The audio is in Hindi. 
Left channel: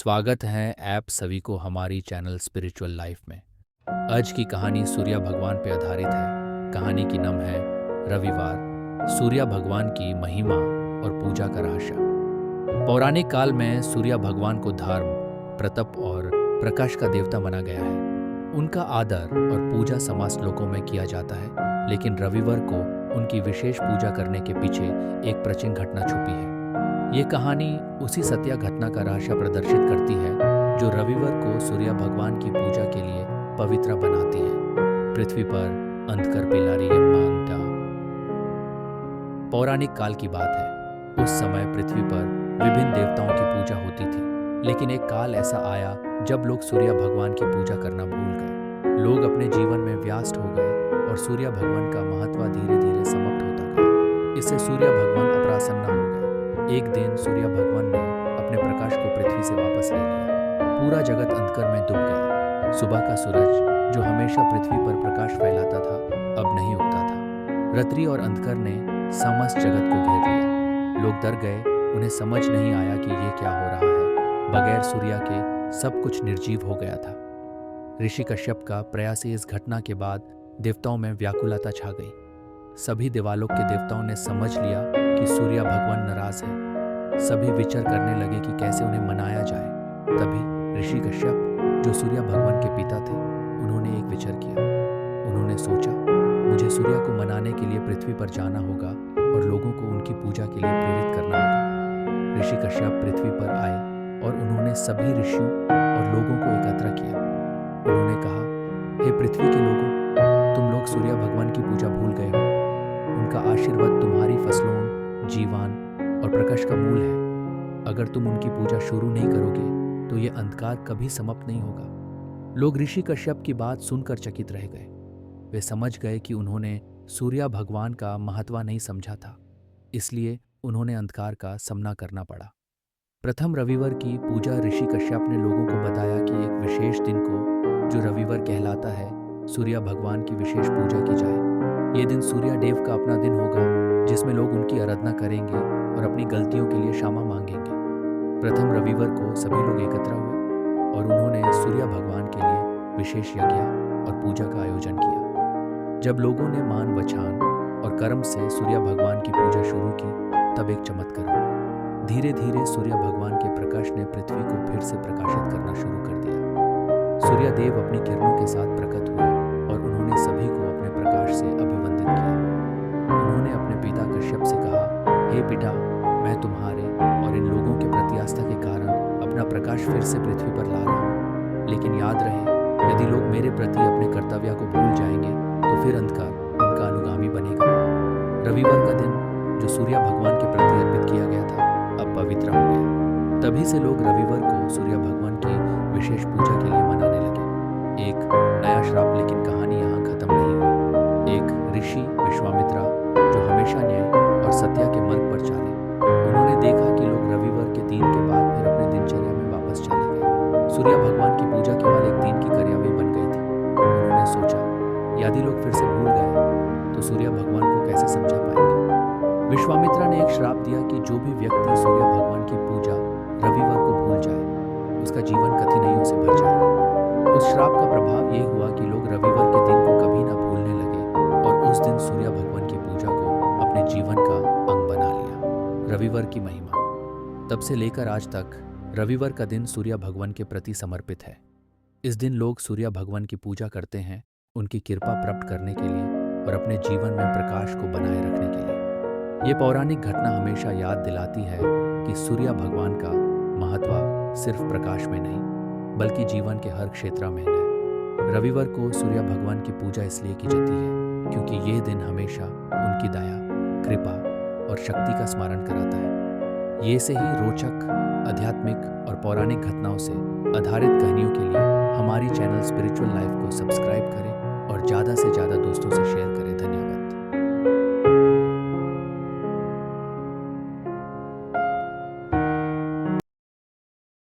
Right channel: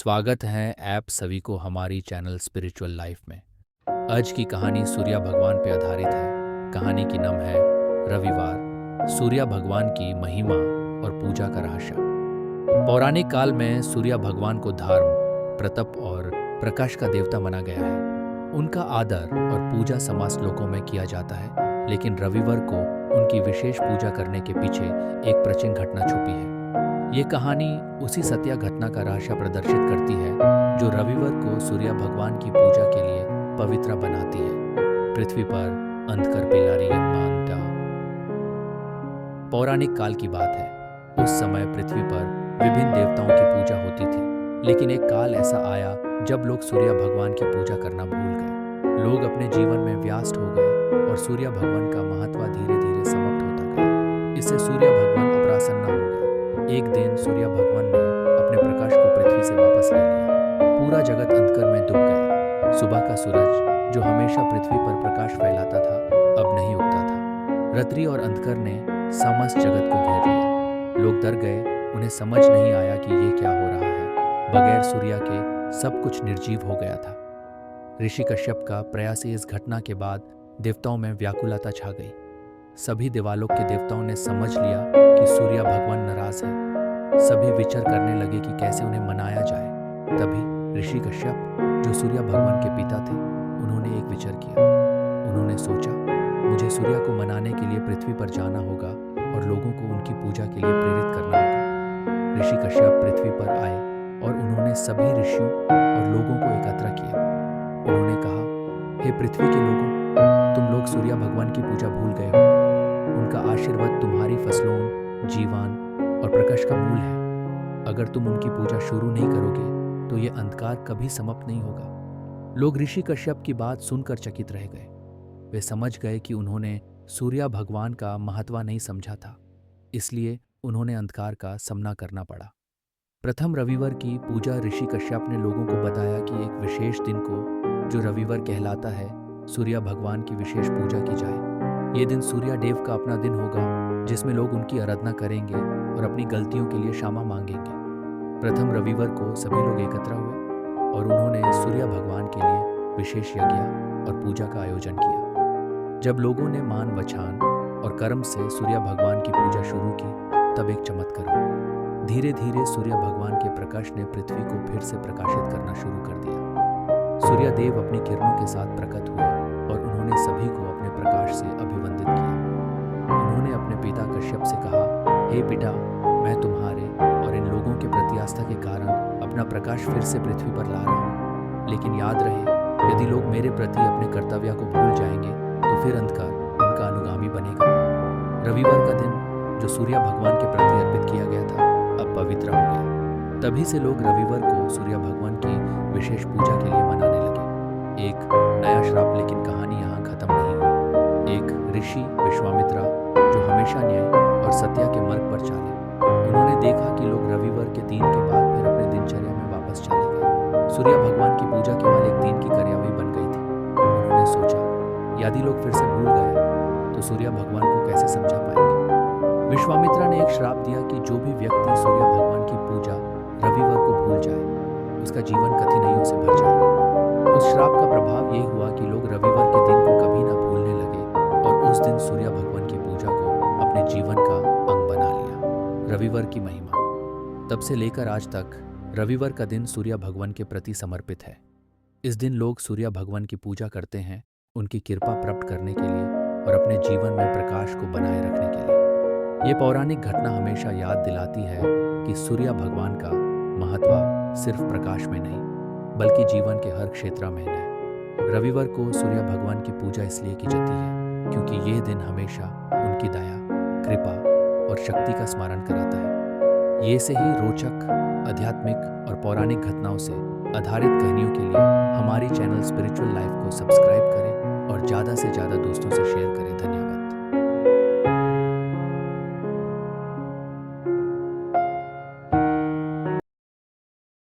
स्वागत है आप सभी को हमारी चैनल स्पिरिचुअल लाइफ में। आज की कहानी सूर्य भगवान पे आधारित है। कहानी की नाम है रविवार, सूर्य भगवान की महिमा और पूजा का रहस्य। पौराणिक काल में सूर्य भगवान को धर्म, प्रताप और प्रकाश का देवता माना गया है। उनका आदर और पूजा समस्त लोकों में किया जाता है, लेकिन रविवार को उनकी विशेष पूजा करने के पीछे एक प्राचीन घटना छुपी है। ये कहानी उसी सत्य घटना का रहस्य प्रदर्शित करती है जो रविवार को सूर्य भगवान की पूजा के लिए पवित्र बनाती है। पृथ्वी पर अंधकर पेलारी यम्मा। पौराणिक काल की बात है। उस समय पृथ्वी पर विभिन्न देवताओं की पूजा होती थी, लेकिन एक काल ऐसा आया जब लोग सूर्य भगवान की पूजा करना भूल गए। लोग अपने जीवन में व्यस्त हो गए और सूर्य भगवान का महत्व धीरे धीरे समाप्त होता गया। इससे सूर्य भगवान अप्रसन्न हो गए। एक दिन सूर्य भगवान ने अपने प्रकाश को पृथ्वी से वापस ले लिया। पूरा जगत अंधकार में डूब गया। सुबह का सूरज जो हमेशा पृथ्वी पर प्रकाश फैलाता था, अब नहीं उगता था। रात्रि और अंधकार ने समस्त जगत को घेर लिया। लोग डर गए। उन्हें समझ नहीं आया कि ये क्या हो रहा है। बगैर सूर्य के सब कुछ निर्जीव हो गया था। ऋषि कश्यप का प्रयास से इस घटना के बाद देवताओं में व्याकुलता छा गई। सभी देवालोक के देवताओं ने समझ लिया कि सूर्य भगवान नाराज है। सभी विचार करने लगे कि कैसे उन्हें मनाया जाए। तभी ऋषि कश्यप, जो सूर्य भगवान के पिता थे, उन्होंने एक विचार किया। उन्होंने सोचा, मुझे सूर्य को मनाने के लिए पृथ्वी पर जाना होगा और लोगों को उनकी पूजा के लिए प्रेरित करना होगा। ऋषि कश्यप पृथ्वी पर आए और उन्होंने सभी ऋषियों और लोगों को एकत्र किया। उन्होंने कहा, हे पृथ्वी के लोगों, तुम लोग सूर्य भगवान की पूजा भूल गए हो। उनका आशीर्वाद तुम्हारी फसलों, जीवन और प्रकाश का मूल है। अगर तुम उनकी पूजा शुरू नहीं करोगे तो ये अंधकार कभी समाप्त नहीं होगा। लोग ऋषि कश्यप की बात सुनकर चकित रह गए। वे समझ गए कि उन्होंने सूर्य भगवान का महत्व नहीं समझा था, इसलिए उन्होंने अंधकार का सामना करना पड़ा। प्रथम रविवार की पूजा ऋषि कश्यप ने लोगों को बताया कि एक विशेष दिन को, जो रविवार कहलाता है, सूर्य भगवान की विशेष पूजा की जाए। ये दिन सूर्य देव का अपना दिन होगा, जिसमें लोग उनकी आराधना करेंगे और अपनी गलतियों के लिए क्षमा मांगेंगे। प्रथम रविवार को सभी लोग एकत्र हुए और उन्होंने सूर्य भगवान के लिए विशेष यज्ञ और पूजा का आयोजन किया। जब लोगों ने मान, वचन और कर्म से सूर्य भगवान की पूजा शुरू की, तब एक चमत्कार हुआ। धीरे धीरे सूर्य भगवान के प्रकाश ने पृथ्वी को फिर से प्रकाशित करना शुरू कर दिया। सूर्य देव अपनी किरणों के साथ प्रकट हुए और उन्होंने सभी को अपने प्रकाश से अभिवंदित किया। उन्होंने अपने पिता कश्यप से कहा, हे पिता, मैं तुम्हारे और इन लोगों के प्रति आस्था के कारण अपना प्रकाश फिर से पृथ्वी पर ला रहा हूँ। लेकिन याद रहे, यदि लोग मेरे प्रति अपने कर्तव्य को भूल जाएंगे तो फिर अंधकार उनका अनुगामी बनेगा। रविवार का दिन, जो सूर्य भगवान के प्रति अर्पित किया गया था, अब पवित्र हो गया। तभी से लोग रविवार को सूर्य भगवान की विशेष पूजा के लिए मनाने लगे। एक नया श्राप, लेकिन कहानी यहाँ खत्म नहीं हुई। एक ऋषि विश्वामित्र, जो हमेशा न्याय और सत्य के मार्ग पर चाले, उन्होंने देखा कि लोग रविवार के दिन के बाद फिर अपने दिनचर्या में वापस चले गए। सूर्य भगवान की पूजा केवल एक दिन की कार्यवाही बन गई थी। उन्होंने सोचा, यदि लोग फिर से भूल गए तो सूर्य भगवान को कैसे समझा पाएंगे। विश्वामित्र ने एक श्राप दिया कि जो भी व्यक्ति सूर्य भगवान की पूजा रविवार को भूल जाए, उसका जीवन कठिनाइयों से भर जाएगा। उस श्राप का प्रभाव ये हुआ कि लोग रविवार के दिन को कभी ना भूलने लगे और उस दिन सूर्य भगवान की पूजा को अपने जीवन का अंग बना लिया। रविवार की महिमा। तब से लेकर आज तक रविवार का दिन सूर्य भगवान के प्रति समर्पित है। इस दिन लोग सूर्य भगवान की पूजा करते हैं, उनकी कृपा प्राप्त करने के लिए और अपने जीवन में प्रकाश को बनाए रखने के लिए। ये पौराणिक घटना हमेशा याद दिलाती है कि सूर्य भगवान का महत्व सिर्फ प्रकाश में नहीं, बल्कि जीवन के हर क्षेत्र में है। रविवार को सूर्य भगवान की पूजा इसलिए की जाती है क्योंकि ये दिन हमेशा उनकी दया, कृपा और शक्ति का स्मरण कराता है। ये से ही रोचक, आध्यात्मिक और पौराणिक घटनाओं से आधारित कहानियों के लिए हमारी चैनल स्पिरिचुअल लाइफ को सब्सक्राइब करें और ज़्यादा से ज़्यादा दोस्तों से शेयर करें। धन्यवाद।